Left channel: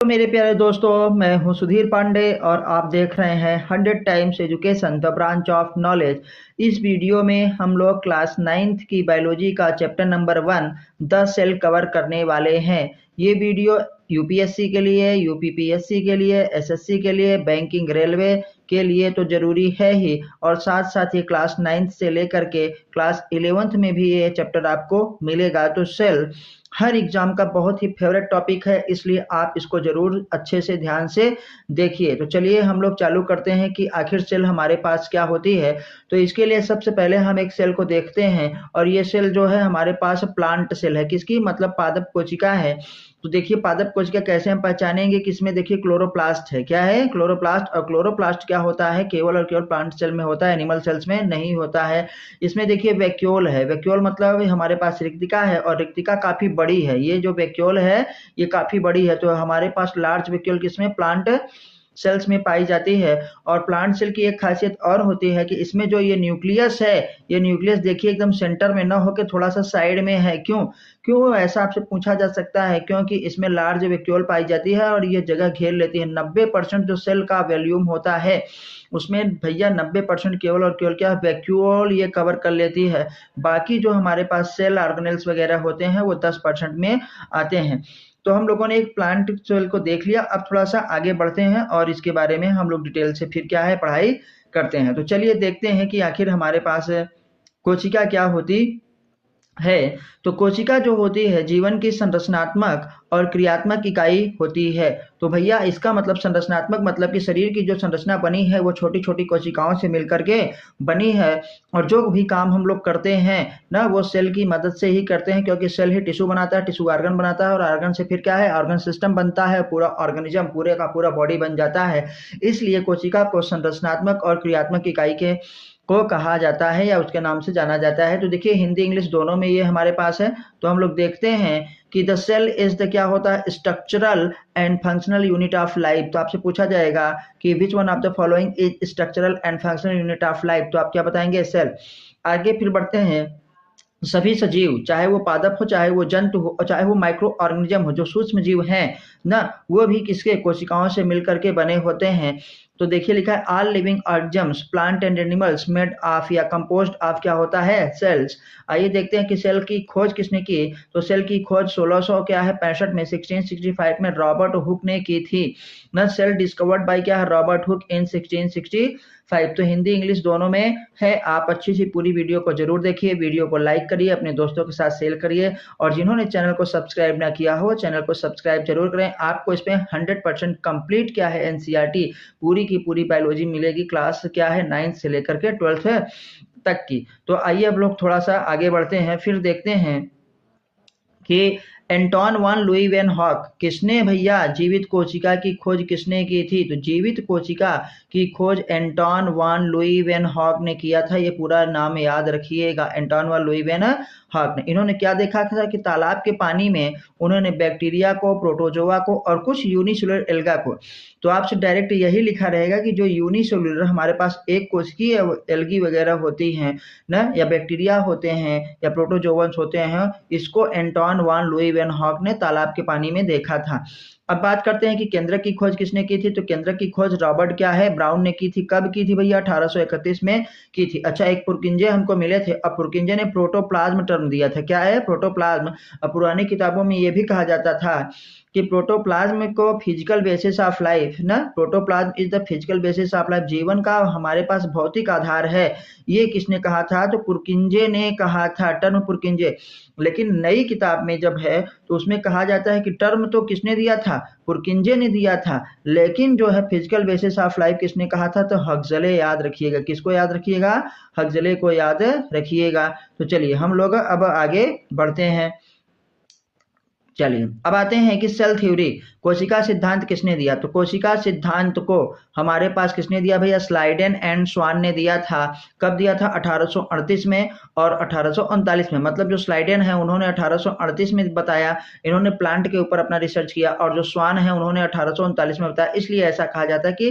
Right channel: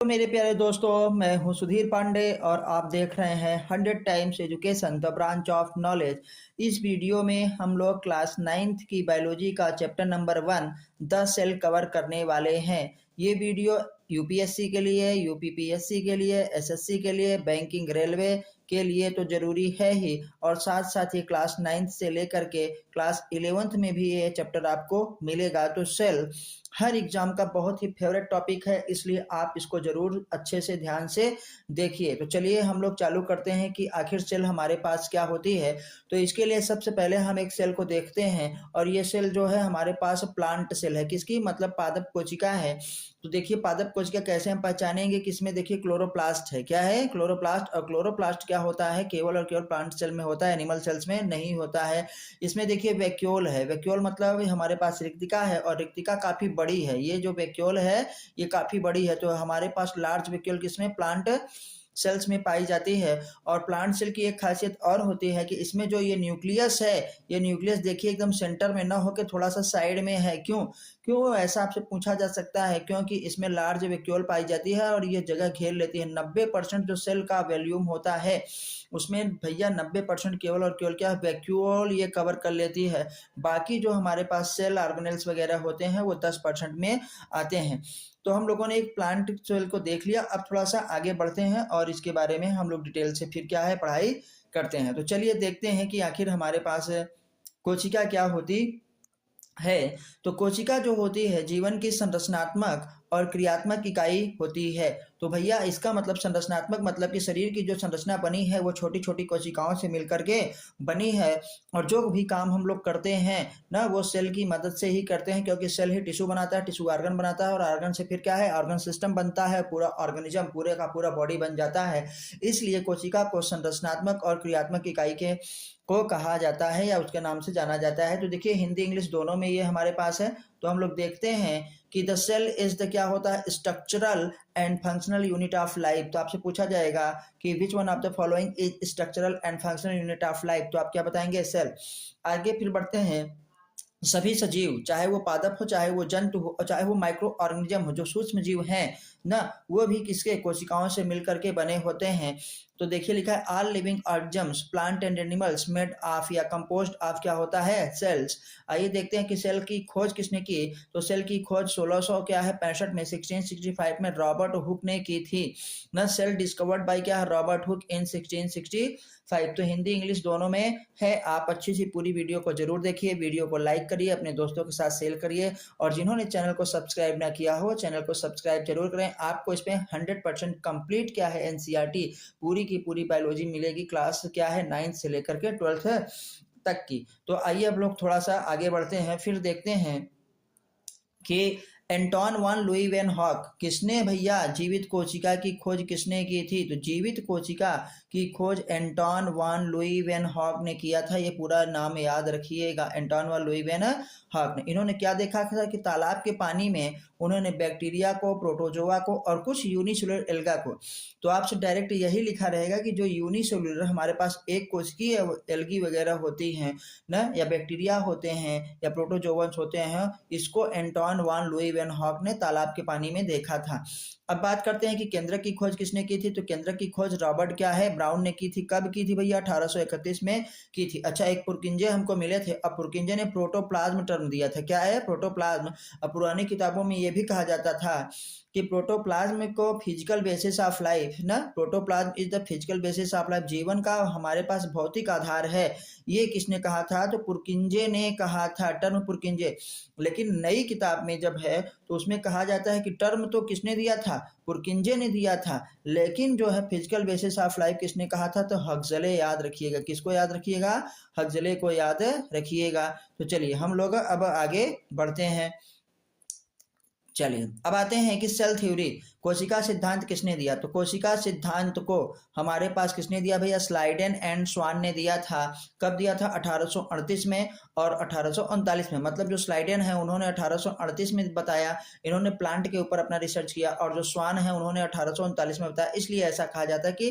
तो मेरे प्यारे दोस्तों, मैं हूं सुधीर पांडे और आप देख रहे हैं 100 times education the branch of knowledge. इस वीडियो में हम लोग क्लास 9th की बायोलॉजी का chapter number 1 the cell cover करने वाले हैं। ये वीडियो यूपीएससी के लिए, यूपीपीएससी के लिए, एसएससी के लिए, बैंकिंग, रेलवे के लिए तो जरूरी है ही, और साथ साथ ये क्लास 9th से लेकर के क्लास 11th में भी ये चैप्टर आपको मिलेगा। तो सेल हर एग्जाम का बहुत ही फेवरेट टॉपिक है, इसलिए आप इसको जरूर अच्छे से ध्यान से देखिए। तो चलिए हम लोग चालू करते हैं कि आखिर सेल हमारे पास क्या होती है। तो इसके लिए सबसे पहले हम एक सेल को देखते हैं, और ये सेल जो है हमारे पास प्लांट सेल है। किसकी? मतलब पादप कोशिका है। तो देखिए पादप कोशिका कैसे हम पहचानेंगे कि इसमें देखिए क्लोरोप्लास्ट है। क्या है? क्लोरोप्लास्ट। और क्लोरोप्लास्ट क्या होता है? केवल और केवल प्लांट सेल में होता है, एनिमल सेल्स में नहीं होता है। इसमें देखिए वैक्यूल है। वैक्यूल मतलब हमारे पास रिक्तिका है, और रिक्तिका काफी बड़ी है। ये जो वैक्यूल है ये काफी बड़ी है। तो हमारे पास लार्ज वैक्यूल किसमें? प्लांट सेल्स में पाई जाती है। और प्लांट सेल की एक खासियत और होती है कि इसमें जो ये न्यूक्लियस है, ये न्यूक्लियस देखिए एकदम सेंटर में ना होकर थोड़ा सा साइड में है। क्यों क्यों ऐसा आपसे पूछा जा सकता है? क्योंकि इसमें लार्ज वैक्यूल पाई जाती है और ये जगह घेर लेती है। 90% जो सेल का वॉल्यूम होता है उसमें भैया 90% केवल और केवल क्या? वैक्यूल ये कवर कर लेती है। बाकी जो हमारे पास सेल ऑर्गेनेल्स वगैरह होते हैं वो 10% में आते हैं। तो हम लोगों ने एक प्लांट सेल को देख लिया। अब थोड़ा सा आगे बढ़ते हैं और इसके बारे में हम लोग डिटेल से फिर क्या है पढ़ाई करते हैं। तो चलिए देखते हैं कि आखिर हमारे पास कोशिका क्या होती है। तो कोशिका जो होती है जीवन की संरचनात्मक और क्रियात्मक इकाई होती है। तो भैया इसका मतलब संरचनात्मक मतलब कि शरीर की जो संरचना बनी है वो छोटी छोटी कोशिकाओं से मिलकर के बनी है। और जो भी काम हम लोग करते हैं ना वो सेल की मदद से ही करते हैं, क्योंकि सेल ही टिश्यू बनाता है, टिश्यू ऑर्गन बनाता है, और ऑर्गन से फिर क्या है? ऑर्गन सिस्टम बनता है, पूरा ऑर्गेनिज्म पूरे का पूरा बॉडी बन जाता है। इसलिए कोशिका को संरचनात्मक और क्रियात्मक इकाई के को कहा जाता है या उसके नाम से जाना जाता है। तो देखिए हिंदी इंग्लिश दोनों में ये हमारे पास है। तो हम लोग देखते हैं कि द सेल इज द क्या होता है? Structural and functional unit of life. तो आपसे पूछा जाएगा कि which one of the following is structural and functional unit of life. तो आप क्या बताएंगे? सेल। आगे फिर बढ़ते हैं। सभी सजीव, चाहे वो पादप हो, चाहे वो जंतु हो, और चाहे वो माइक्रो ऑर्गेनिज्म हो, जो सूक्ष्म जीव हैं ना, वो भी किसके? कोशिकाओं से मिलकर के बने होते हैं। तो देखिए लिखा है all living organisms plant and animals made of या कंपोज्ड ऑफ क्या होता है? सेल्स। आइए देखते हैं कि सेल की खोज किसने की। तो सेल की खोज 1600 क्या है 65 में 1665 में रॉबर्ट हुक ने की थी ना। सेल डिस्कवर्ड बाय क्या है? रॉबर्ट हुक इन 1665। तो हिंदी इंग्लिश दोनों में है। आप अच्छी सी पूरी वीडियो को जरूर देखिए, वीडियो को लाइक करिए, अपने दोस्तों के साथ शेयर करिए, और जिन्होंने चैनल को सब्सक्राइब ना किया हो चैनल को सब्सक्राइब जरूर करें। आपको इसमें 100% कंप्लीट क्या है एनसीईआरटी पूरी की पूरी बायोलॉजी मिलेगी। क्लास क्या है 9th से लेकर के 12th तक की। तो आइए अब लोग थोड़ा सा आगे बढ़ते हैं, फिर देखते हैं कि एंटोन वान लुई वैन हॉक किसने भैया जीवित कोशिका की खोज किसने की थी? तो जीवित कोशिका की खोज एंटोन वान लुई वैन हॉक ने किया था। ये पूरा नाम याद रखिएगा, एंटोन वान लुई वैन हॉक ने। इन्होंने क्या देखा था कि तालाब के पानी में उन्होंने बैक्टीरिया को, प्रोटोजोआ को और कुछ यूनिसेलुलर एल्गा को। तो आपसे डायरेक्ट यही लिखा रहेगा कि जो यूनिसेलुलर हमारे पास एक कोशिकीय एल्गी वगैरह होती हैं ना, या बैक्टीरिया होते हैं या प्रोटोजोअन्स होते हैं, इसको एंटोन वान लुई वैन हॉक ने तालाब के पानी में देखा था। अब बात करते हैं कि केंद्रक की खोज किसने की थी। तो केंद्रक की खोज रॉबर्ट क्या है? ब्राउन ने की थी। कब की थी भैया? 1831 में की थी। अच्छा, एक पुरकिंजे हमको मिले थे। अब पुरकिंजे ने प्रोटोप्लाज्म टर्म दिया था। क्या है? प्रोटोप्लाज्म। अब पुरानी किताबों में ये भी कहा जाता था कि प्रोटोप्लाज्म को फिजिकल बेसिस ऑफ लाइफ ना, protoplasm is the physical basis of life, जीवन का हमारे पास भौतिक आधार है। ये किसने कहा था? तो पुरकिंजे ने कहा था, टर्म पुरकिंजे। लेकिन नई किताब में जब है तो उसमें कहा जाता है कि टर्म तो किसने दिया था? पुरकिंजे ने दिया था। लेकिन जो है फिजिकल बेसिस ऑफ लाइफ किसने कहा था? तो हक्सले। याद रखिएगा, किसको याद रखिएगा? हक्सले को याद रखिएगा। तो चलिए हम लोग अब आगे बढ़ते हैं। चलिए अब आते हैं कि सेल थ्योरी, कोशिका सिद्धांत किसने दिया। तो कोशिका सिद्धांत को हमारे पास किसने दिया भैया? स्लाइडेन एंड स्वान ने दिया था। कब दिया था? 1838 में और 1839 में। मतलब जो स्लाइडेन है उन्होंने 1838 में बताया, इन्होंने प्लांट के ऊपर अपना रिसर्च किया, और जो स्वान है उन्होंने 1839 में बताया। इसलिए ऐसा कहा जाता है कि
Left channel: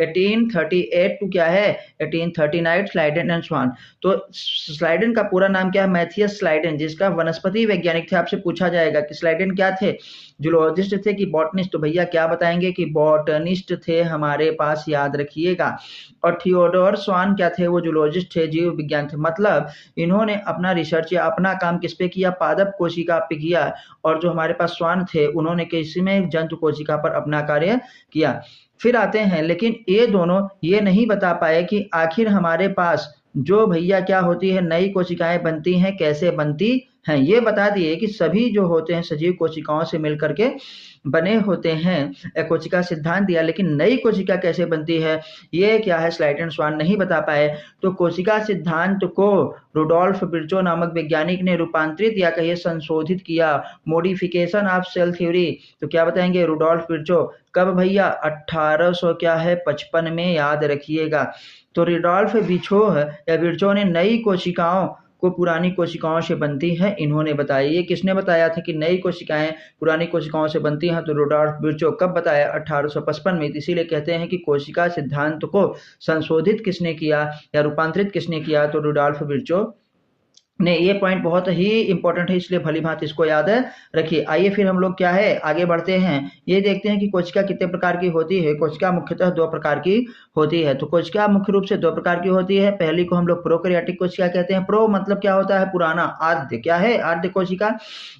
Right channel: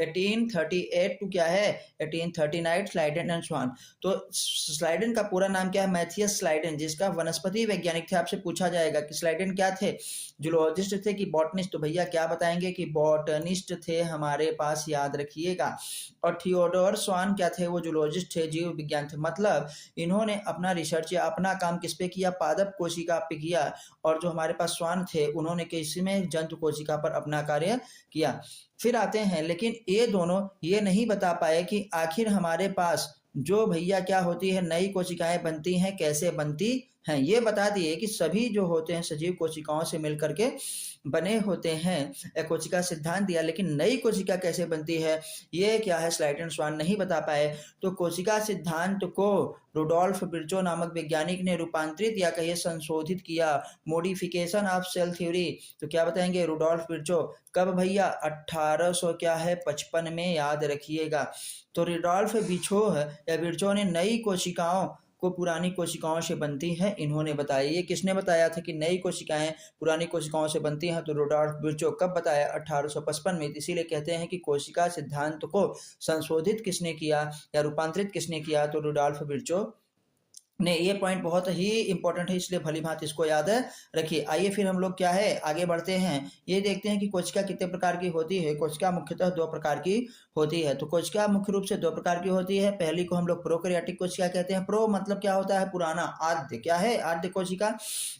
1838 टू क्या है 1839 स्लाइडेन एंड स्वान। तो स्लाइडेन का पूरा नाम क्या है? मैथियस स्लाइडेन, जिसका वनस्पति वैज्ञानिक थे। आपसे पूछा जाएगा कि स्लाइडेन सेकंड क्या थे, जूलॉजिस्ट थे कि बॉटनिस्ट, तो भैया क्या बताएंगे कि बॉटनिस्ट थे हमारे पास, याद रखिएगा। और थियोडोर स्वान क्या थे, वो जूलॉजिस्ट थे, जीव विज्ञान थे। मतलब इन्होंने अपना रिसर्च या अपना काम किस पे किया, पादप कोशिका पे किया, और जो हमारे पास स्वान थे उन्होंने किसी में जंतु कोशिका पर अपना कार्य किया। फिर आते हैं, लेकिन ये दोनों ये नहीं बता पाए कि आखिर हमारे पास जो भैया क्या होती है, नई कोशिकाएं बनती हैं, कैसे बनती हैं। ये बता दिए कि सभी जो होते हैं सजीव कोशिकाओं से मिलकर के बने होते हैं, कोशिका सिद्धांत दिया, लेकिन नई कोशिका कैसे बनती है ये क्या है स्लाइटन स्वान नहीं बता पाए। तो कोशिका सिद्धांत को रुडोल्फ विर्चो नामक वैज्ञानिक ने रूपांतरित या कहिए संशोधित किया, मॉडिफिकेशन ऑफ सेल थ्योरी। तो क्या बताएंगे, रुडोल्फ विर्चो। कब भैया, 1800 क्या है 55 में, याद रखिएगा। तो रुडोल्फ विर्चो या विर्चो ने नई कोशिकाओं को पुरानी कोशिकाओं से बनती है, इन्होंने बताया। ये किसने बताया था कि नई कोशिकाएं पुरानी कोशिकाओं से बनती हैं, तो रुडोल्फ विर्चो। कब बताया, 1855 में। इसीलिए कहते हैं कि कोशिका सिद्धांत को संशोधित किसने किया या रूपांतरित किसने किया, तो रुडोल्फ विर्चो ने। ये पॉइंट बहुत ही इंपॉर्टेंट है, इसलिए भली भांति इसको याद रखिए। आइए फिर हम लोग क्या है आगे बढ़ते हैं, ये देखते हैं कि कोशिका कितने प्रकार की होती है। कोशिका मुख्यतः 2 प्रकार की होती है। तो कोशिका मुख्य रूप से 2 प्रकार की होती है। पहली को हम लोग प्रोकैरियोटिक कोशिका कहते हैं। प्रो मतलब क्या होता है, पुराना, आद्य, क्या है, आद्य कोशिका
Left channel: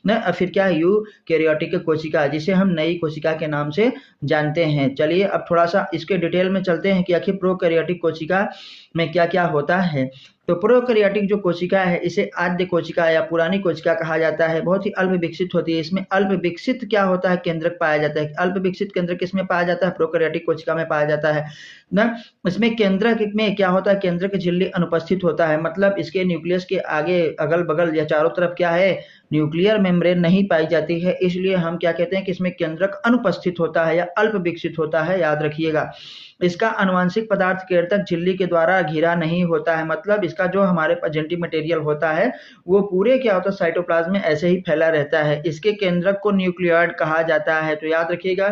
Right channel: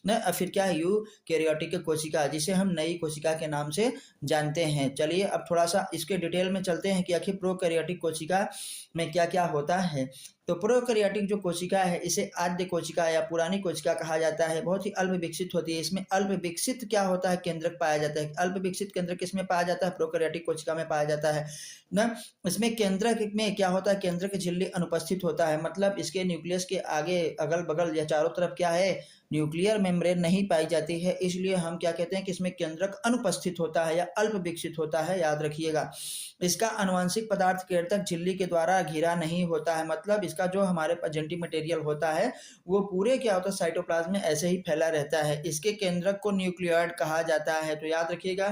न। फिर क्या है, यूकैरियोटिक कोशिका, जिसे हम नई कोशिका के नाम से जानते हैं। चलिए अब थोड़ा सा इसके डिटेल में चलते हैं कि आखिर प्रोकैरियोटिक कोशिका में क्या क्या होता है। तो प्रोकैरियोटिक जो कोशिका है इसे आद्य कोशिका या पुरानी कोशिका कहा जाता है। बहुत ही अल्प विकसित होती है। इसमें अल्प विकसित क्या होता है, केंद्रक पाया जाता है। अल्प विकसित केंद्रक किसमें पाया जाता है, प्रोकैरियोटिक कोशिका में पाया जाता है ना। इसमें केंद्रक में क्या होता है, केंद्रक झिल्ली अनुपस्थित होता है। मतलब इसके न्यूक्लियस के आगे अगल बगल या चारों तरफ क्या है, न्यूक्लियर मेम्ब्रेन नहीं पाई जाती है। इसलिए हम क्या कहते हैं कि इसमें केंद्रक अनुपस्थित होता है या अल्प विकसित होता है, याद रखिएगा। इसका आनुवंशिक पदार्थ केंद्रक झिल्ली के द्वारा घिरा नहीं होता है। मतलब इसका जो हमारे पास जेनेटिक मटेरियल होता है वो पूरे क्या होता है, साइटोप्लाज्म में ऐसे ही फैला रहता है। इसके केंद्रक को न्यूक्लियॉइड कहा जाता है। तो याद रखिएगा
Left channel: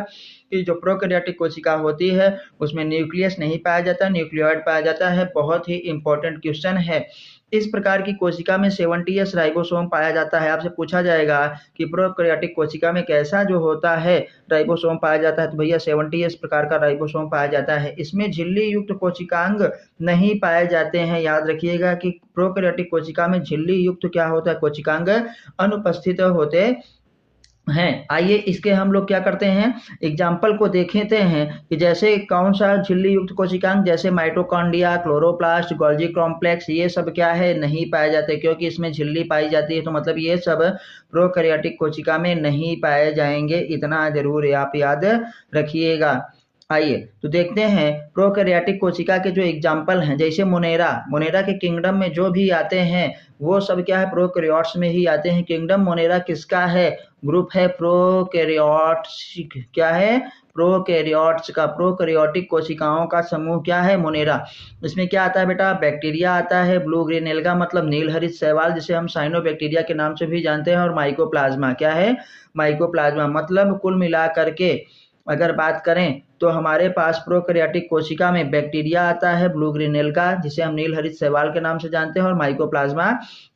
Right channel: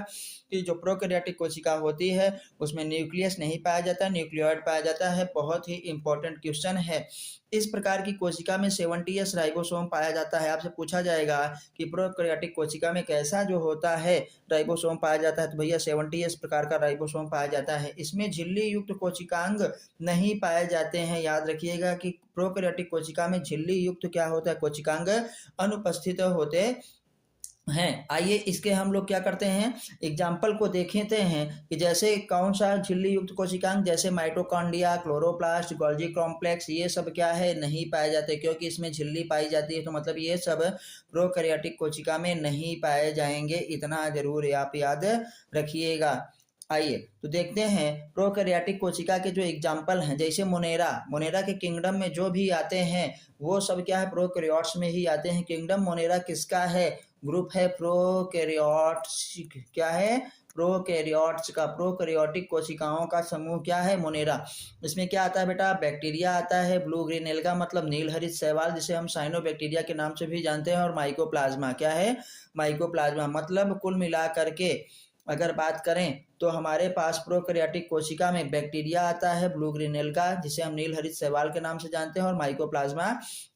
कि जो प्रोकैरियोटिक कोशिका होती है उसमें न्यूक्लियस नहीं पाया जाता, न्यूक्लियॉइड पाया जाता है। बहुत ही इंपॉर्टेंट क्वेश्चन है। इस प्रकार की कोशिका में 70s राइबोसोम पाया जाता है। आपसे पूछा जाएगा कि प्रोकैरियोटिक कोशिका में कैसा जो होता है राइबोसोम पाया जाता है, तो भैया 70s प्रकार का राइबोसोम पाया जाता है। इसमें झिल्ली युक्त कोशिकांग नहीं पाए जाते हैं। याद रखिएगा कि प्रोकैरियोटिक कोशिका में झिल्ली युक्त क्या होता है, कोशिकांग अनुपस्थित होते हैं। आइए इसके हम लोग क्या करते हैं, एग्जाम्पल को देखते हैं कि जैसे कौन सा झिल्ली युक्त कोशिकांग, जैसे माइटोकॉन्ड्रिया, क्लोरोप्लास्ट, गोल्जी कॉम्प्लेक्स, ये सब क्या है नहीं पाए जाते, क्योंकि इसमें झिल्ली पाई जाती है। तो मतलब ये सब प्रोकैरियोटिक कोशिका में नहीं पाए जाएंगे, इतना जरूर आप याद रखिएगा। आइए तो देखते हैं प्रोकैरियोटिक कोशिका के जो एग्जाम्पल हैं, जैसे मोनेरा के किंगडम में जो भी आते हैं वो सब क्या है, प्रोकैरियोट्स में ही आते हैं। किंगडम मोनेरा किसका है, ग्रुप है प्रोकैरियोट्स, क्या है, प्रोकैरियोट्स का। प्रोकैरियोटिक कोशिकाओं का समूह क्या है, मोनेरा। इसमें क्या आता है बेटा, बैक्टीरिया आता है, ब्लू ग्रीन एल्गा मतलब नील हरित शैवाल, जिसे हम साइनोबैक्टीरिया के नाम से भी जानते हैं, और माइकोप्लाज्मा, क्या है, माइकोप्लाज्मा। मतलब कुल मिला करके अगर बात करें तो हमारे पास प्रोकैरियोटिक कोशिका में बैक्टीरिया आता है, ब्लू ग्रीन एल्गा जिसे हम नील हरित शैवाल के नाम से जानते हैं, और माइकोप्लाज्मा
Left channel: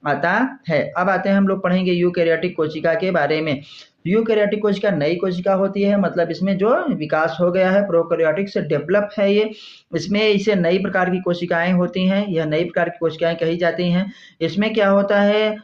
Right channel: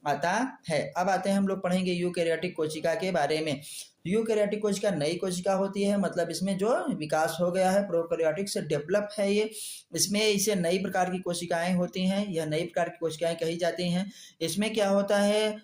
आता है। अब आते हैं हम लोग पढ़ेंगे यूकैरियोटिक कोशिका के बारे में। यूकैरियोटिक कोशिका नई कोशिका होती है, मतलब इसमें जो विकास हो गया है प्रोकैरियोटिक से डेवलप है ये। इसमें इसे नई प्रकार की कोशिकाएं होती हैं, यह नई प्रकार की कोशिकाएं कही जाती हैं। इसमें क्या होता है,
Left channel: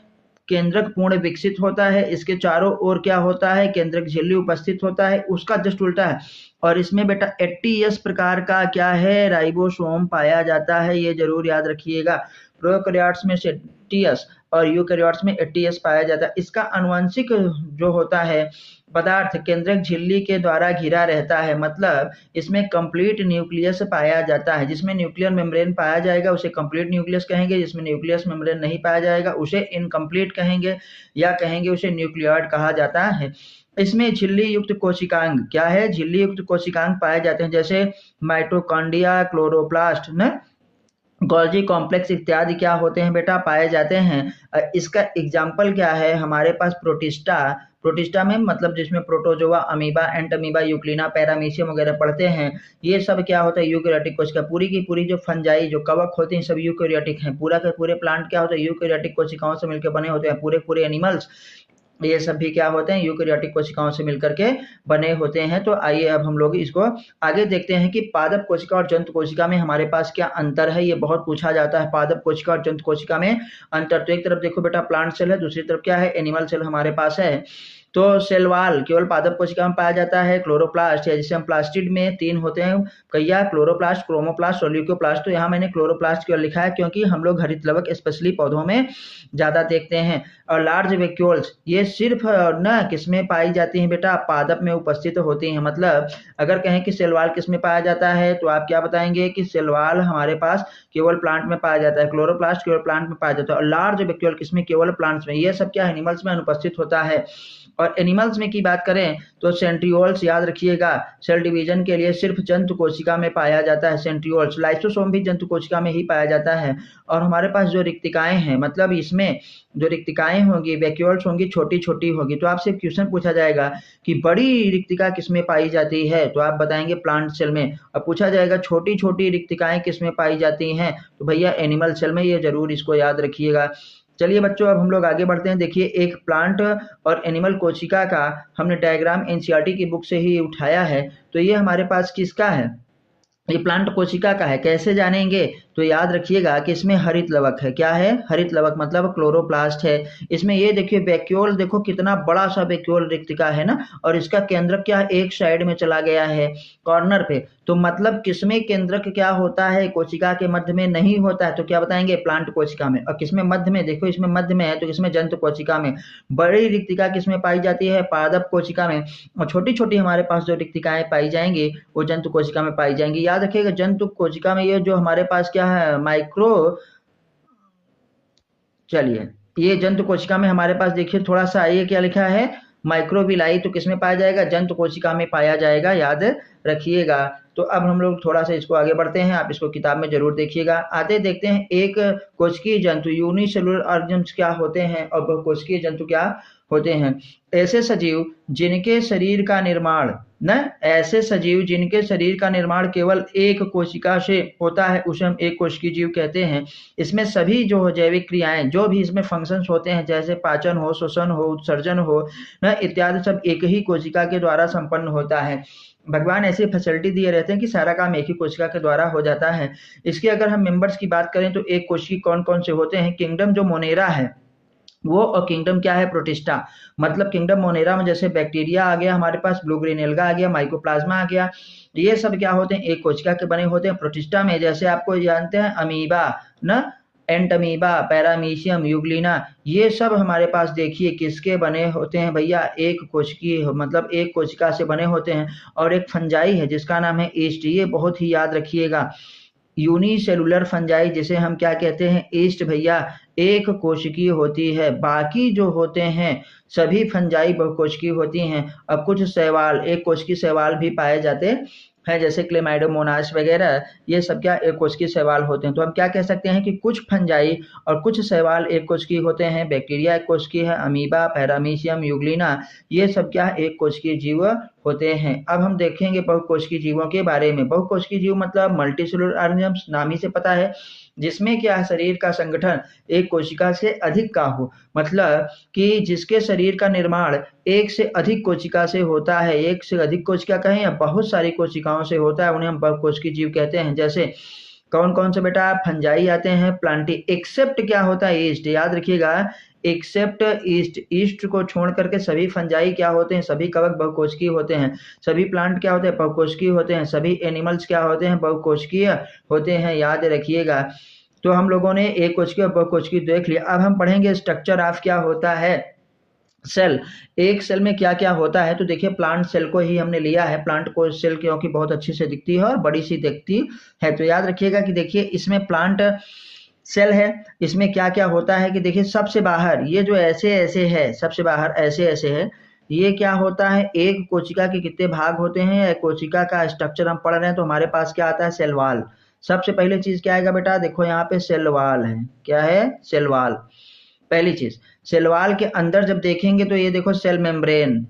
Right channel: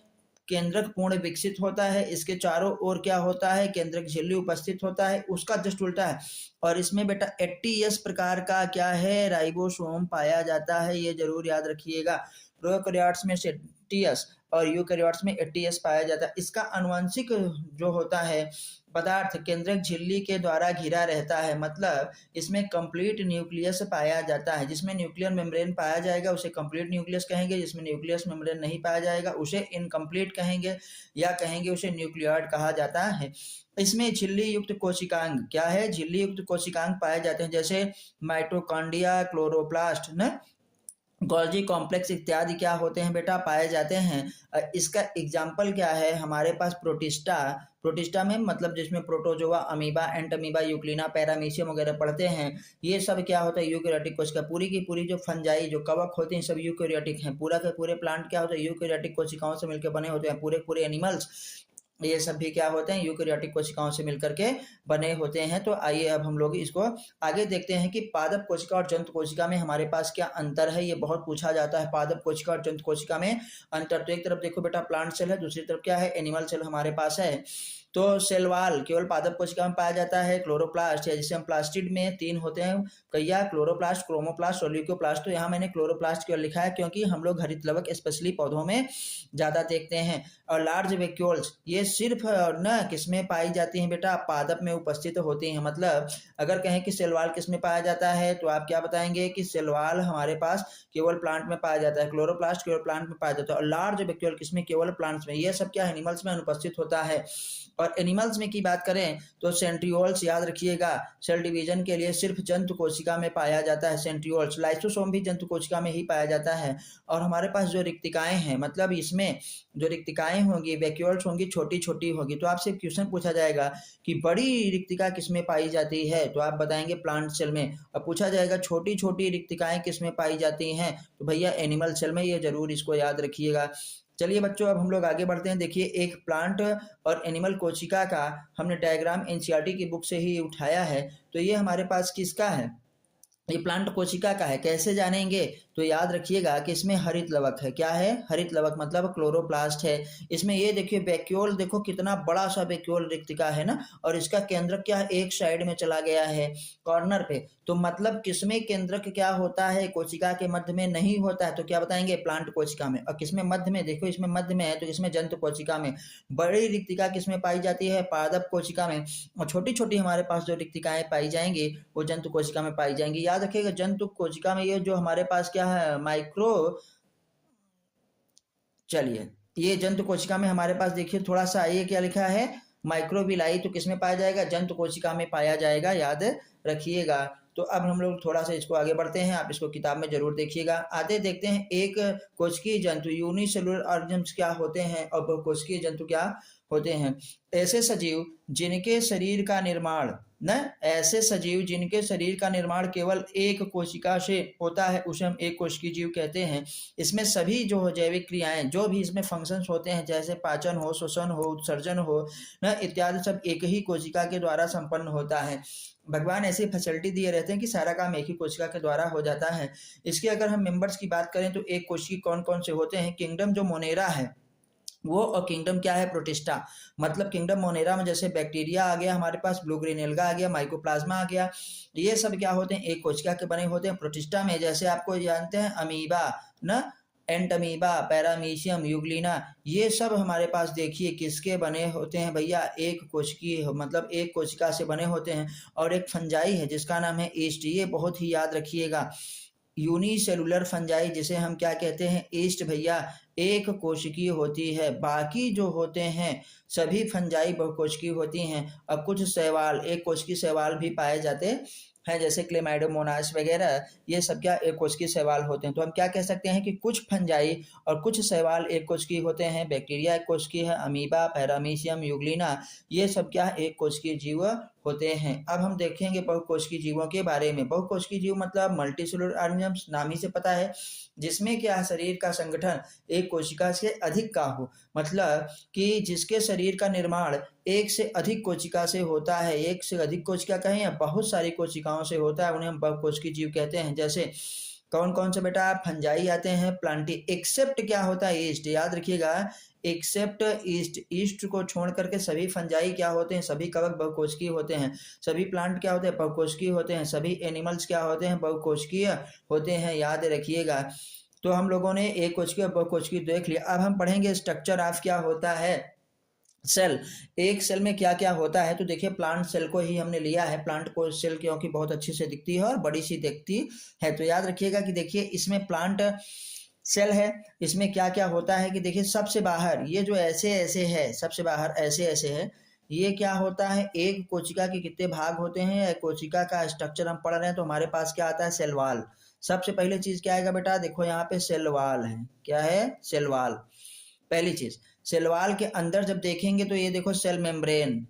केंद्रक पूर्ण विकसित होता है, इसके चारों ओर क्या होता है, केंद्रक झिल्ली उपस्थित होता है, उसका जस्ट उल्टा है। और इसमें बेटा 80s प्रकार का क्या है, राइबोसोम पाया जाता है, ये जरूर याद रखिएगा। प्रोकैरियोट्स में 80s और यूकैरियोट्स में 80s पाया जाता है। इसका आनुवंशिक जो होता है पदार्थ केंद्रक झिल्ली के द्वारा घिरा रहता है, मतलब इसमें कंप्लीट न्यूक्लियस पाया जाता है। जिसमें न्यूक्लियर मेम्ब्रेन पाया जाएगा उसे कंप्लीट न्यूक्लियस कहेंगे, जिसमें न्यूक्लियस मेम्ब्रेन नहीं पाया जाएगा उसे इनकम्प्लीट कहेंगे, या कहेंगे उसे न्यूक्लियॉइड कहा जाता है। इसमें झिल्ली युक्त कोशिकांग क्या है, झिल्ली युक्त कोशिकांग पाए जाते हैं, जैसे माइटोकॉन्ड्रिया, क्लोरोप्लास्ट न, गोल्जी कॉम्प्लेक्स इत्यादि क्या होते हैं बेटा, पाए जाते हैं। इसका एग्जाम्पल क्या है, हमारे पास प्रोटिस्टा में मतलब जिसमें प्रोटोजोआ, अमीबा, एंटमीबा, यूक्लिना, पैरामीशियम वगैरह पढ़ते हैं, ये सब क्या होता है, यूकैरियोटिक कोशिका। पूरी की पूरी जो फंजाई जो कवक होते हैं सब यूकैरियोटिक हैं। पूरा के पूरे प्लांट क्या होता है, यूकैरियोटिक कोशिकाओं से मिलकर बने होते हैं, पूरे पूरे एनिमल्स ये सब भी क्या होते हैं, यूकेरियोटिक कोशिकाओं से मिलकर के बने होते हैं। तो आइए अब हम लोग इसको आगे देखते हैं कि पादप कोशिका और जंतु कोशिका में हमारे पास क्या अंतर है। ये बहुत पूछा जाता है, पादप कोशिका और जंतु कोशिका में अंतर। तो एक तरफ देखो बेटा प्लांट सेल है, दूसरी तरफ क्या है, एनिमल सेल हमारे पास है। तो सेल वाल केवल पादप कोशिका में पाया जाता है। क्लोरोप्लास्ट या जिसे हम प्लास्टिड में 3 होते हैं कहिया, क्लोरोप्लास्ट, क्रोमोप्लास्ट और ल्यूकोप्लास्ट। तो यहाँ मैंने क्लोरोप्लास्ट केवल लिखा है क्योंकि हम लोग हरित लवक स्पेशली पौधों में ज़्यादा देखते हैं। और लार्ज वैक्यूल्स ये सिर्फ ना किसमें पाई जाती हैं बेटा, पादप में उपस्थित होती हैं। मतलब अगर कहें कि सेल वाल किसमें पाया जाता है तो आप क्या बताएंगे कि सेल वाल हमारे पास केवल प्लांट में पाया जाता है, क्लोरोप्लास्ट केवल प्लांट में पाया जाता है, और लार्ज वैक्यूल किसमें, केवल प्लांट्स में। ये सब क्या एनिमल्स में अनुपस्थित होता है। और एनिमल्स में की बात करें तो सेंट्रियोल्स याद रखिएगा, सेल डिवीजन के लिए सिर्फ जंतु कोशिका में पाया जाता है सेंट्रियोल्स। लाइसोसोम भी जंतु कोशिका में ही पाया जाता है। और हमारे पास जो रिक्तिकाएं हैं, मतलब इसमें जो रिक्तिकाएं होंगी, वैक्यूल्स होंगी, छोटी छोटी होगी। तो आपसे क्वेश्चन पूछा जाएगा कि बड़ी रिक्तिका किसमें पाई जाती है, तो आप बताएंगे प्लांट सेल में। और पूछा जाएगा छोटी छोटी रिक्तिकाएं किसमें पाई जाती हैं, तो भैया एनिमल सेल में। ये जरूर इसको याद रखिएगा। चलिए बच्चों अब हम लोग आगे बढ़ते हैं। देखिए एक प्लांट और एनिमल कोशिका का हमने डायग्राम एनसीईआरटी की बुक से ही उठाया है। तो ये हमारे पास किसका है, ये प्लांट कोशिका का है। कैसे जानेंगे, तो याद रखिएगा कि इसमें हरित लवक है। क्या है, हरित लवक, मतलब क्लोरोप्लास्ट है। इसमें ये देखिए वैक्यूल, देखो कितना बड़ा सा वैक्यूल रिक्तिका है ना, और इसका केंद्रक क्या एक साइड में चला गया है, कॉर्नर पे। तो मतलब किसमें केंद्रक क्या होता है, कोशिका के मध्य में नहीं होता है। तो क्या बताएंगे, प्लांट कोशिका में। और किसमें मध्य में, देखो इसमें मध्य में है, तो किसमें, जंतु कोशिका में। बड़ी रिक्तिका किसमें पाई जाती है, पादप कोशिका में। और छोटी छोटी हमारे पास जो रिक्तिकाएं पाई जाएंगी वो जंतु कोशिका में पाई जाएंगी। याद रखिएगा जंतु कोशिका में ये जो हमारे पास क्या है, माइक्रो, चलिए ये जंतु कोशिका में हमारे पास देखिए थोड़ा सा, ये क्या लिखा है, माइक्रोविलाई। तो किसमें पाया जाएगा, जंतु कोशिका में पाया जाएगा, याद रखिएगा। तो अब हम लोग थोड़ा सा इसको आगे बढ़ते हैं, आप इसको किताब में जरूर देखिएगा। आते देखते हैं एक कोशिकीय जंतु, यूनिसेलुलर ऑर्गेनिज्म क्या होते हैं और बहुकोशिकीय जंतु क्या होते हैं। ऐसे सजीव जिनके शरीर का निर्माण न, ऐसे सजीव जिनके शरीर का निर्माण केवल एक कोशिका से होता है उसे हम एक कोशिकीय जीव कहते हैं। इसमें सभी जो जैविक क्रियाएं, जो भी इसमें फंक्शंस होते हैं, जैसे पाचन हो, श्वसन हो, उत्सर्जन हो न, इत्यादि सब एक ही कोशिका के द्वारा संपन्न होता है। भगवान ऐसी फैसिलिटी दिए रहते हैं कि सारा काम एक ही कोशिका के द्वारा हो जाता है। इसके अगर हम मेंबर्स की बात करें तो एक कोशिकी कौन कौन से होते हैं, किंगडम जो मोनेरा है वो, और किंगडम क्या है, प्रोटिस्टा। मतलब किंगडम मोनेरा में जैसे बैक्टीरिया आ गया हमारे पास, ब्लू ग्रीन एल्गा आ गया, माइकोप्लाज्मा आ गया, ये सब क्या होते हैं, एक कोशिका के बने होते हैं। प्रोटिस्टा में जैसे आपको जानते हैं अमीबा न, एंटमीबा, पैरामीशियम, यूग्लिना, ये सब हमारे पास देखिए किसके बने होते हैं भैया, एक कोशिकीय, मतलब एक कोशिका से बने होते हैं। और एक फंजाई है जिसका नाम है ईस्ट, ये बहुत ही याद रखिएगा। यूनिसेलुलर फंजाई जिसे हम क्या कहते हैं, ईस्ट भैया, एक कोशिकीय होती है। बाकी जो होते हैं सभी फंजाई बहुकोशिकीय होती हैं। और कुछ शैवाल, एक कोशिकीय शैवाल भी पाए जाते हैं, जैसे क्लेमाइडोमोनास वगैरह, ये सब क्या एक कोशिकीय शैवाल होते हैं। तो हम क्या कह सकते हैं कि कुछ फंजाई और कुछ शैवाल एक कोशिकीय होते हैं। बैक्टीरिया एक कोशिकीय है, अमीबा, पैरामीशियम, यूग्लिना, ये सब क्या एक कोशिकीय जीव होते हैं। अब हम देखेंगे बहुकोशिकीय जीवों के बारे में। बहुकोशिकीय जीव मतलब मल्टीसेलुलर ऑर्गेनिजम्स, नाम ही से पता है, जिसमें क्या है, शरीर का संगठन एक कोशिका से अधिक का हो। मतलब कि जिसके शरीर का निर्माण एक से अधिक कोशिका से होता है, एक से अधिक कोशिका कहें या बहुत सारी कोशिकाओं से होता है, उन्हें हम बहुकोशिकीय जीव कहते हैं। जैसे कौन कौन से बेटा, फंजाई आते हैं, प्लांटी, एक्सेप्ट क्या होता है, ईस्ट, याद रखिएगा, एक्सेप्ट ईस्ट। ईस्ट को छोड़ करके सभी फंजाई क्या होते हैं, सभी कवक बहुकोशिकीय होते हैं। सभी प्लांट क्या होते हैं, बहुकोशिकीय होते हैं। सभी एनिमल्स क्या होते हैं, बहुकोशिकीय होते हैं, याद रखिएगा। तो हम लोगों ने एक कोशिकीय और बहुकोशिकीय देख लिया। अब हम पढ़ेंगे स्ट्रक्चर ऑफ क्या होता है सेल। एक सेल में क्या क्या होता है, तो देखिए प्लांट सेल को ही हमने लिया है। प्लांट को सेल क्योंकि बहुत अच्छी से दिखती है और बड़ी सी दिखती है। तो याद रखिएगा कि देखिए इसमें प्लांट सेल है, इसमें क्या क्या होता है कि देखिए सबसे बाहर ये जो ऐसे ऐसे है, सबसे बाहर ऐसे ऐसे है, ये क्या होता है, एक कोशिका के कितने भाग होते हैं, कोशिका का स्ट्रक्चर हम पढ़ रहे हैं। तो हमारे पास क्या आता है, सेल वाल। सबसे पहले चीज क्या आएगा बेटा, देखो यहाँ पे सेल वाल है, क्या है, सेल वाल, पहली चीज। सेल वाल के अंदर जब देखेंगे तो ये देखो सेल मेम्ब्रेन,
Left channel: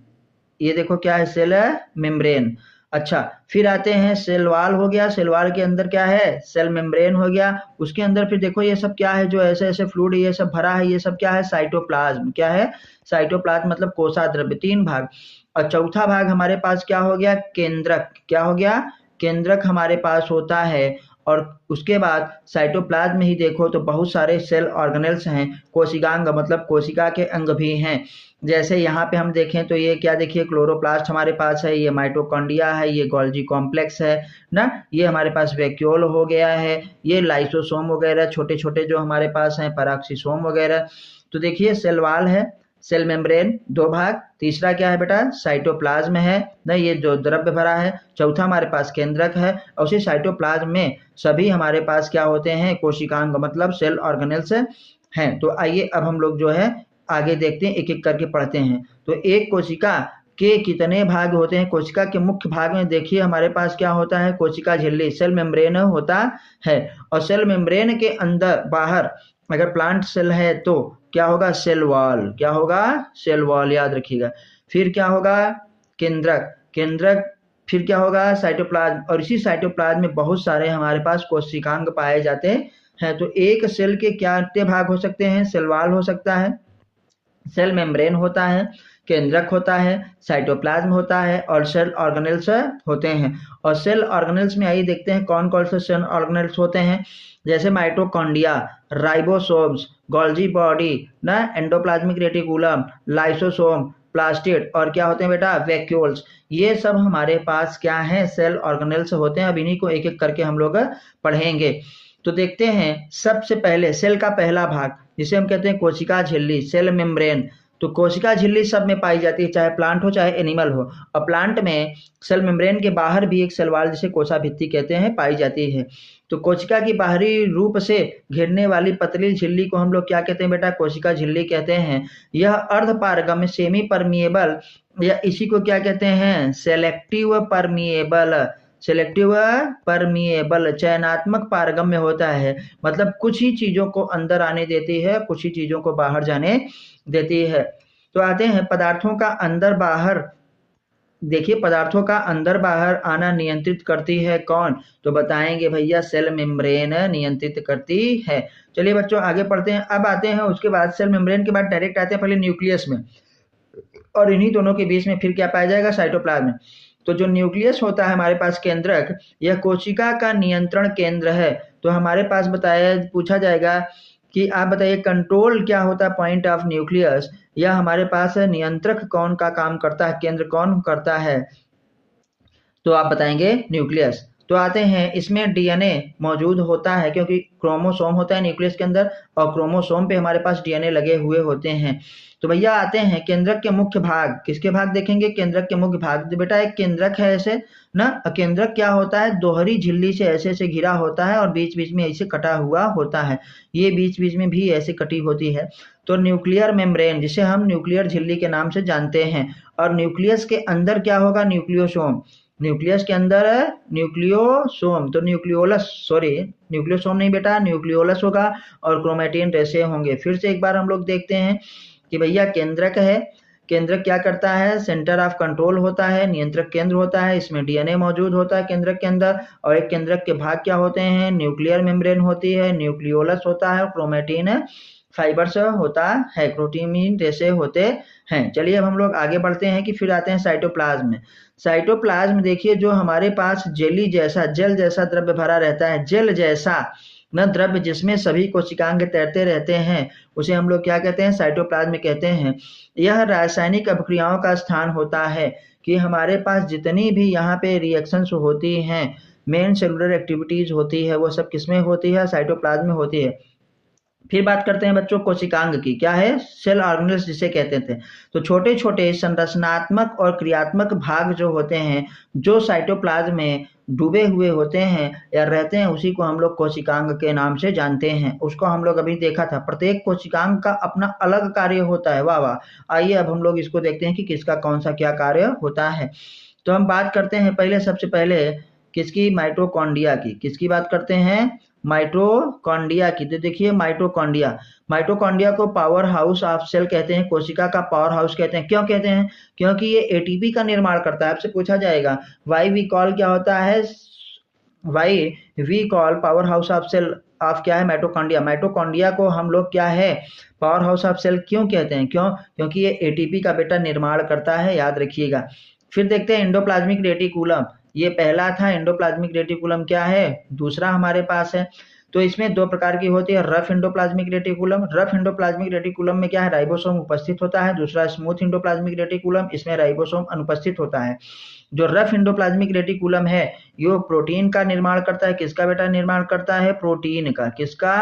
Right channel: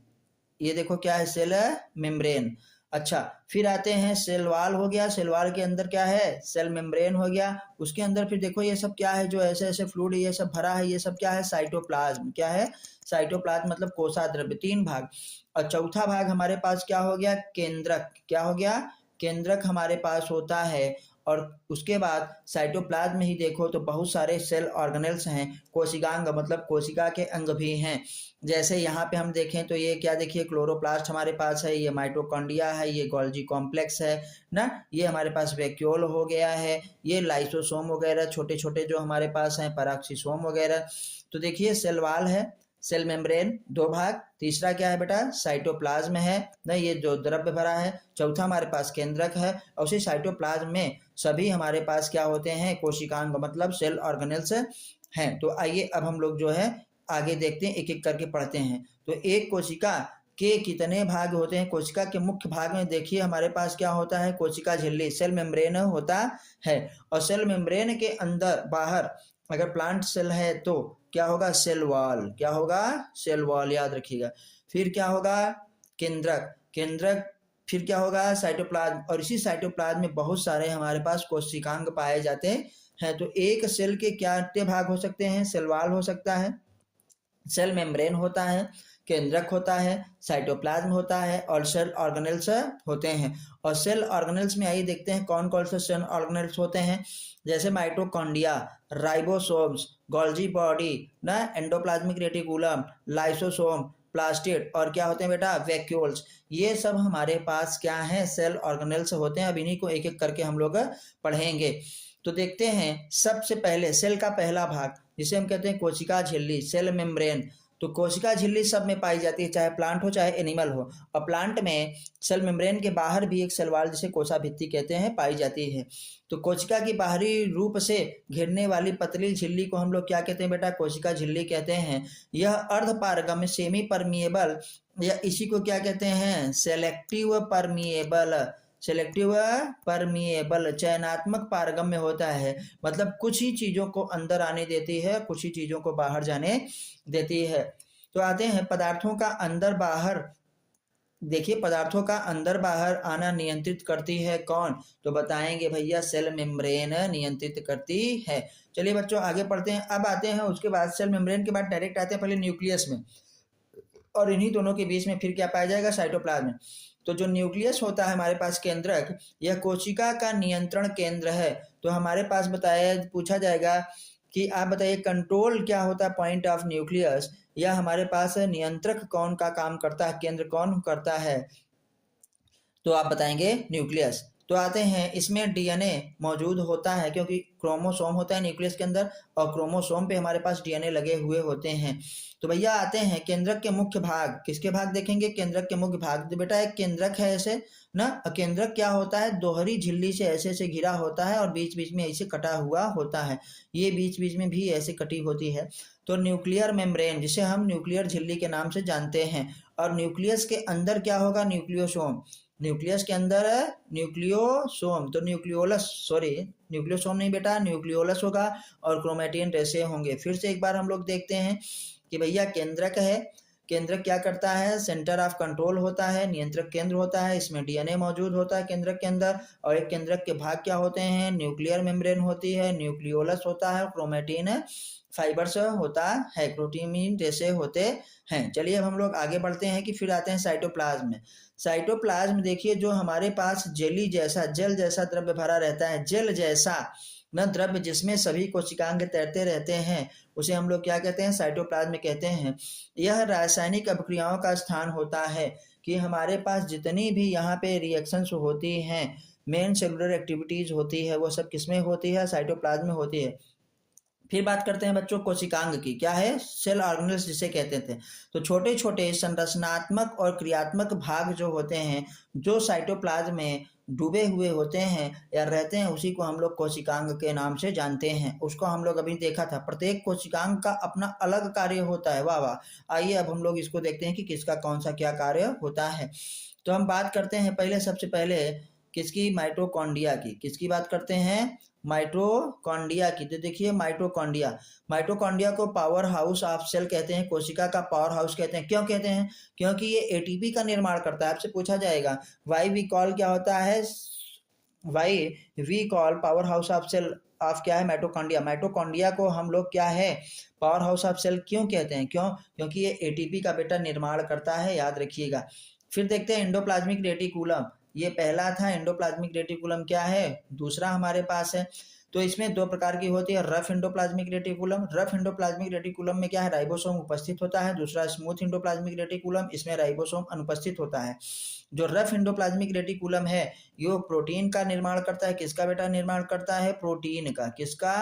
ये देखो क्या है, सेल मेम्ब्रेन। अच्छा, फिर आते हैं सेल वॉल हो गया, सेल वॉल के अंदर क्या है, सेल मेम्ब्रेन हो गया, उसके अंदर फिर देखो ये सब क्या है, जो ऐसे ऐसे फ्लूइड ये सब भरा है, ये सब क्या है, साइटोप्लाज्म। क्या है, साइटोप्लाज्म मतलब कोशाद्रव्य, 3 भाग। और चौथा भाग हमारे पास क्या हो गया, केंद्रक। क्या हो गया, केंद्रक हमारे पास होता है। और उसके बाद साइटोप्लाज्म में ही देखो तो बहुत सारे सेल ऑर्गेनेल्स हैं, कोशिकांग मतलब कोशिका के अंग भी हैं। जैसे यहाँ पे हम देखें तो ये क्या, देखिए क्लोरोप्लास्ट हमारे पास है, ये माइटोकॉन्ड्रिया है, ये गोल्जी कॉम्प्लेक्स है ना, ये हमारे पास वैक्यूल हो गया है, ये लाइसोसोम वगैरह छोटे छोटे जो हमारे पास हैं, पैराक्सीसोम वगैरह। तो देखिए सेल वॉल है, सेल मेम्ब्रेन 2 भाग, तीसरा क्या है बेटा, साइटोप्लाज्म है ना, ये जो द्रव्य भरा है, चौथा हमारे पास केंद्रक है, और उसी साइटोप्लाज्म में सभी हमारे पास क्या होते हैं, कोशिकांग मतलब सेल ऑर्गेनेल्स हैं। तो आइए अब हम लोग जो है आगे देखते हैं, एक एक करके पढ़ते हैं। तो एक कोशिका के कितने भाग होते हैं, कोशिका के मुख्य भाग में देखिए हमारे पास क्या होता है, कोशिका झिल्ली सेल मेम्ब्रेन होता है, और सेल मेम्ब्रेन के अंदर बाहर अगर प्लांट सेल है तो क्या होगा, सेल वॉल। क्या होगा, सेल वॉल, याद रखिएगा। फिर क्या होगा, केंद्रक, केंद्रक, फिर क्या होगा, साइटोप्लाज्म, और इसी साइटोप्लाज्म में बहुत सारे हमारे पास कोशिकांग पाए जाते हैं। तो एक सेल के क्या कितने भाग हो सकते हैं, सेल वॉल हो सकता है, सेल मेम्ब्रेन होता है, केंद्रक होता है, साइटोप्लाज्म होता है, और सेल ऑर्गेनेल्स होते हैं। और सेल ऑर्गेनेल्स में आइए देखते हैं कौन कौन से सेल ऑर्गेनेल्स होते हैं। जैसे माइटोकॉन्ड्रिया, राइबोसोम्स, गोल्जी बॉडी ना, एंडोप्लाज्मिक रेटिकुलम, लाइसोसोम, प्लास्टिड, और क्या होते हैं बेटा, वैक्यूल्स। ये सब हमारे पास क्या हैं, सेल ऑर्गेनेल्स होते हैं। अब इन्हीं को एक एक करके हम लोग पढ़ेंगे। तो देखते हैं सबसे पहले सेल का पहला भाग जिसे हम कहते हैं कोशिका झिल्ली, सेल मेम्ब्रेन। तो कोशिका झिल्ली सब में पाई जाती है, चाहे प्लांट हो चाहे एनिमल हो। और प्लांट में सेल मेम्ब्रेन के बाहर भी एक सेल वॉल जिसे कोशा भित्ति कहते हैं पाई जाती है। तो कोशिका की बाहरी रूप से घेरने वाली पतली झिल्ली को हम लोग क्या कहते हैं बेटा, कोशिका झिल्ली कहते हैं। यह अर्ध पारगम्य सेमी परमिएबल, या इसी को क्या कहते हैं, सेलेक्टिव परमिएबल, सिलेक्टिव परमिएबल चयनात्मक पारगम्य होता है। मतलब कुछ ही चीजों को अंदर आने देती है, कुछ ही चीजों को बाहर जाने देती है। तो आते हैं पदार्थों का अंदर बाहर, देखिए पदार्थों का अंदर बाहर आना नियंत्रित करती है कौन, तो बताएंगे भैया सेल मेम्ब्रेन नियंत्रित करती है। चलिए बच्चों आगे पढ़ते हैं। अब आते हैं उसके बाद सेल मेम्ब्रेन के बाद डायरेक्ट आते हैं पहले न्यूक्लियस में, और इन्हीं दोनों के बीच में फिर क्या पाया जाएगा, साइटोप्लाज्म। तो जो न्यूक्लियस होता है हमारे पास केंद्रक, यह कोशिका का नियंत्रण केंद्र है। तो हमारे पास बताया पूछा जाएगा कि आप बताइए कंट्रोल क्या होता है पॉइंट ऑफ न्यूक्लियस, या हमारे पास नियंत्रक कौन का काम करता है, केंद्र कौन करता है, तो आप बताएंगे न्यूक्लियस। तो आते हैं इसमें डीएनए मौजूद होता है, क्योंकि क्रोमोसोम होता है न्यूक्लियस के अंदर, और क्रोमोसोम पे हमारे पास डीएनए लगे हुए होते हैं। तो भैया आते हैं केंद्रक के मुख्य भाग, किसके भाग देखेंगे, केंद्रक के मुख्य भाग। तो बेटा एक केंद्रक है ऐसे ना, केंद्रक क्या होता है, दोहरी झिल्ली से ऐसे ऐसे घिरा होता है, और बीच बीच में ऐसे कटा हुआ होता है, ये बीच बीच में भी ऐसे कटी होती है। तो न्यूक्लियर मेम्ब्रेन जिसे हम न्यूक्लियर झिल्ली के नाम से जानते हैं। और न्यूक्लियस के अंदर क्या होगा, न्यूक्लियोसोम, न्यूक्लियस के अंदर है न्यूक्लियोसोम, तो न्यूक्लियोलस, सॉरी न्यूक्लियोसोम नहीं बेटा, न्यूक्लियोलस होगा, और क्रोमेटिन रेशे होंगे। फिर से एक बार हम लोग देखते हैं कि भैया केंद्रक है, केंद्रक क्या करता है, सेंटर ऑफ कंट्रोल होता है, नियंत्रक केंद्र होता है, इसमें डीएनए मौजूद होता है केंद्रक के अंदर। और एक केंद्रक के भाग क्या होते हैं, न्यूक्लियर मेम्ब्रेन होती है, न्यूक्लियोलस होता है, क्रोमेटिन फाइबर्स होता है, क्रोटीमीन रेशे होते हैं। चलिए अब हम लोग आगे बढ़ते हैं कि फिर आते हैं साइटोप्लाज्म में। साइटोप्लाज्म देखिए जो हमारे पास जेली जैसा, जेल जैसा द्रव्य भरा रहता है, जेल जैसा न द्रव्य जिसमें सभी कोशिकांग तैरते रहते हैं, उसे हम लोग क्या कहते हैं, साइटोप्लाज्म कहते हैं। यह रासायनिक अभिक्रियाओं का स्थान होता है, कि हमारे पास जितनी भी यहाँ पे रिएक्शंस होती हैं, मेन सेलुलर एक्टिविटीज होती है, वो सब किसमें होती है, साइटोप्लाज्म में होती है। फिर बात करते हैं बच्चों कोशिकांग की, क्या है, सेल ऑर्गेनेल्स जिसे कहते थे। तो छोटे छोटे संरचनात्मक और क्रियात्मक भाग जो होते हैं, जो साइटोप्लाज्म में डूबे हुए होते हैं या रहते हैं, उसी को हम लोग कोशिकांग के नाम से जानते हैं। उसको हम लोग अभी देखा था, प्रत्येक कोशिकांग का अपना अलग कार्य होता है। वाह वाह। आइए अब हम लोग इसको देखते हैं कि किसका कौन सा क्या कार्य होता है। तो हम बात करते हैं पहले, सबसे पहले किसकी, माइटोकॉन्ड्रिया की। किसकी बात करते हैं, माइटोकॉन्ड्रिया की। तो देखिए माइटोकॉन्ड्रिया को पावर हाउस ऑफ सेल कहते हैं, कोशिका का पावर हाउस कहते हैं। क्यों कहते हैं? क्योंकि ये एटीपी का निर्माण करता है। आपसे पूछा जाएगा वाई वी कॉल क्या होता है, why we call power house of cell of क्या है, माइटोकॉन्ड्रिया। माइटोकॉन्ड्रिया को हम लोग क्या है, पावर हाउस ऑफ सेल क्यों कहते हैं? क्यों? क्योंकि ये एटीपी का बेटा निर्माण करता है, याद रखिएगा। फिर देखते हैं एंडोप्लाज्मिक रेटिकुलम। ये पहला था, एंडोप्लाज्मिक रेटिकुलम क्या है, दूसरा हमारे पास है। तो इसमें दो प्रकार की होती है, rough endoplasmic reticulum. Rough endoplasmic reticulum में क्या है, राइबोसोम उपस्थित होता है। दूसरा स्मूथ एंडोप्लाज्मिक रेटिकुलम, इसमें राइबोसोम अनुपस्थित होता है। जो रफ एंडोप्लाज्मिक रेटिकुलम है ये प्रोटीन का निर्माण करता है। किसका बेटा निर्माण करता है? प्रोटीन का। किसका?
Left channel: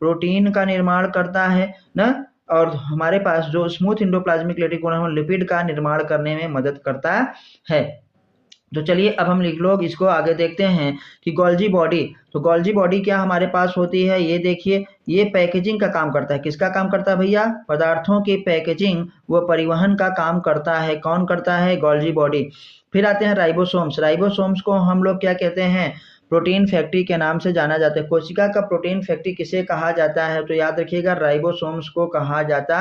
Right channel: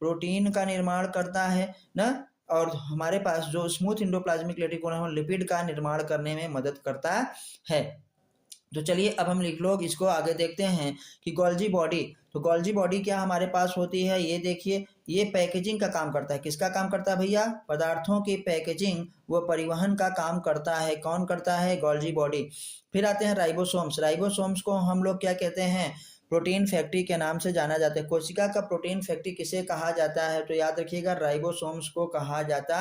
प्रोटीन का निर्माण करता है ना। और हमारे पास जो स्मूथ एंडोप्लाज्मिक रेटिकुलम लिपिड का निर्माण करने में मदद करता है। तो चलिए अब हम लोग इसको आगे देखते हैं कि गोल्जी बॉडी। तो गोल्जी बॉडी क्या हमारे पास होती है, ये देखिए, ये पैकेजिंग का काम करता है। किसका काम करता है भैया? पदार्थों की पैकेजिंग व परिवहन का काम करता है। कौन करता है? Golgi body. फिर आते हैं राइबोसोम्स। राइबोसोम्स को हम लोग क्या कहते हैं? प्रोटीन फैक्ट्री के नाम से जाना जाता है। कोशिका का प्रोटीन फैक्ट्री किसे कहा जाता है? तो याद रखिएगा राइबोसोम्स को कहा जाता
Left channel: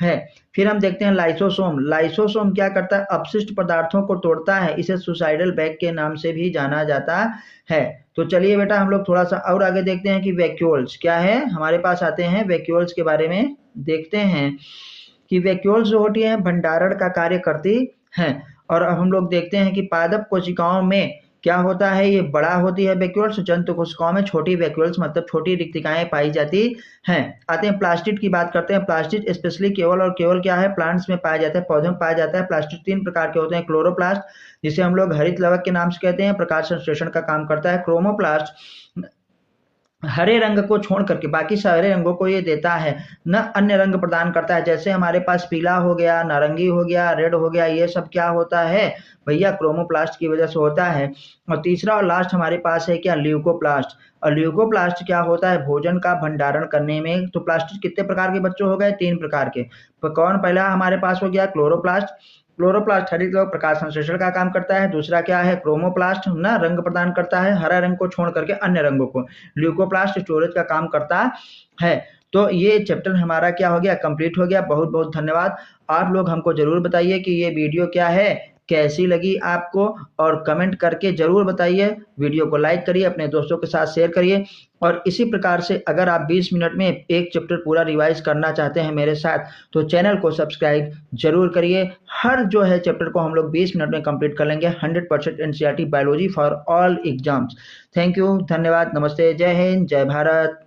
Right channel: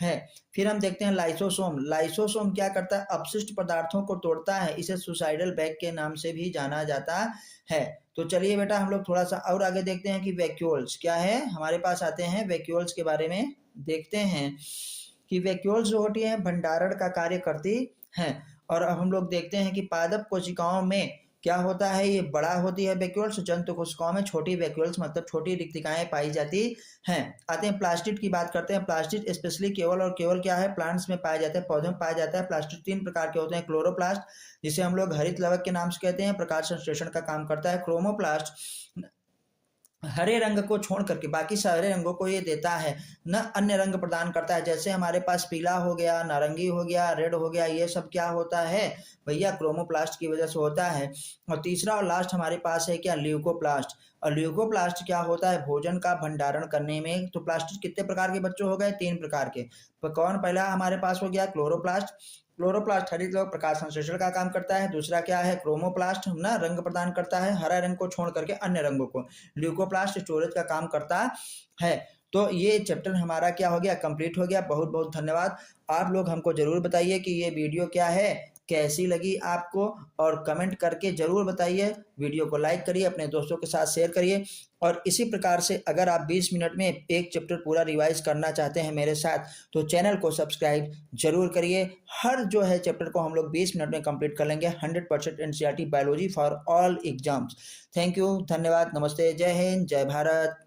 है। फिर हम देखते हैं लाइसोसोम। लाइसोसोम क्या करता है? अपशिष्ट पदार्थों को तोड़ता है। इसे सुसाइडल बैग के नाम से भी जाना जाता है। तो चलिए बेटा हम लोग थोड़ा सा और आगे देखते हैं कि वैक्यूल्स क्या है। हमारे पास आते हैं वैक्यूल्स के बारे में देखते हैं कि वैक्यूल्स जो होती हैं भंडारण का कार्य करती हैं। और अब हम लोग देखते हैं कि पादप कोशिकाओं में क्या होता है, ये बड़ा होती है वैक्यूल्स। जंतु कोशिकाओं में छोटी वैक्यूल्स मतलब छोटी रिक्तिकाएं पाई जाती हैं। आते हैं प्लास्टिड की बात करते हैं। प्लास्टिड स्पेशली केवल और केवल क्या है, प्लांट्स में पाया जाता है, पौधों में पाया जाता है। प्लास्टिड तीन प्रकार के होते हैं। क्लोरोप्लास्ट जिसे हम लोग हरित लवक के नाम से कहते हैं, प्रकाश संश्लेषण का काम करता है। क्रोमोप्लास्ट हरे रंग को छोड़ करके बाकी सारे रंगों को ये देता है, न अन्य रंग प्रदान करता है। जैसे हमारे पास पीला हो गया, नारंगी हो गया, रेड हो गया, ये सब क्या होता है भैया? क्रोमोप्लास्ट की वजह से होता है। और तीसरा और लास्ट हमारे पास है क्या? ल्यूकोप्लास्ट। और ल्यूकोप्लास्ट क्या होता है? भोजन का भंडारण करने में। तो प्लास्टिक कितने प्रकार के बच्चों हो गए? तीन प्रकार के। तो कौन पहला हमारे पास हो गया? क्लोरोप्लास्ट। क्लोरोप्लास्ट हरित लवक प्रकाश संश्लेषण का काम करता है। दूसरा क्या है? क्रोमोप्लास्ट, ना रंग प्रदान करता है, हरा रंग को छोड़ करके अन्य रंगों को। ल्यूकोप्लास्ट स्टोरेज का काम करता है। तो ये चैप्टर हमारा क्या हो गया? कंप्लीट हो गया। बहुत बहुत धन्यवाद। आप लोग हमको जरूर बताइए कि ये वीडियो क्या है, कैसी लगी आपको, और कमेंट करके जरूर बताइए। वीडियो को लाइक करिए, अपने दोस्तों के साथ शेयर करिए। और इसी प्रकार से अगर आप 20 मिनट में एक चैप्टर पूरा रिवाइज करना चाहते हैं मेरे साथ, तो चैनल को सब्सक्राइब जरूर करिए। हर जो है चैप्टर को हम लोग 20 मिनट में कंप्लीट कर लेंगे। 100% NCERT biology for all exams. Thank you, धन्यवाद, नमस्ते, जय हिंद, जय भारत।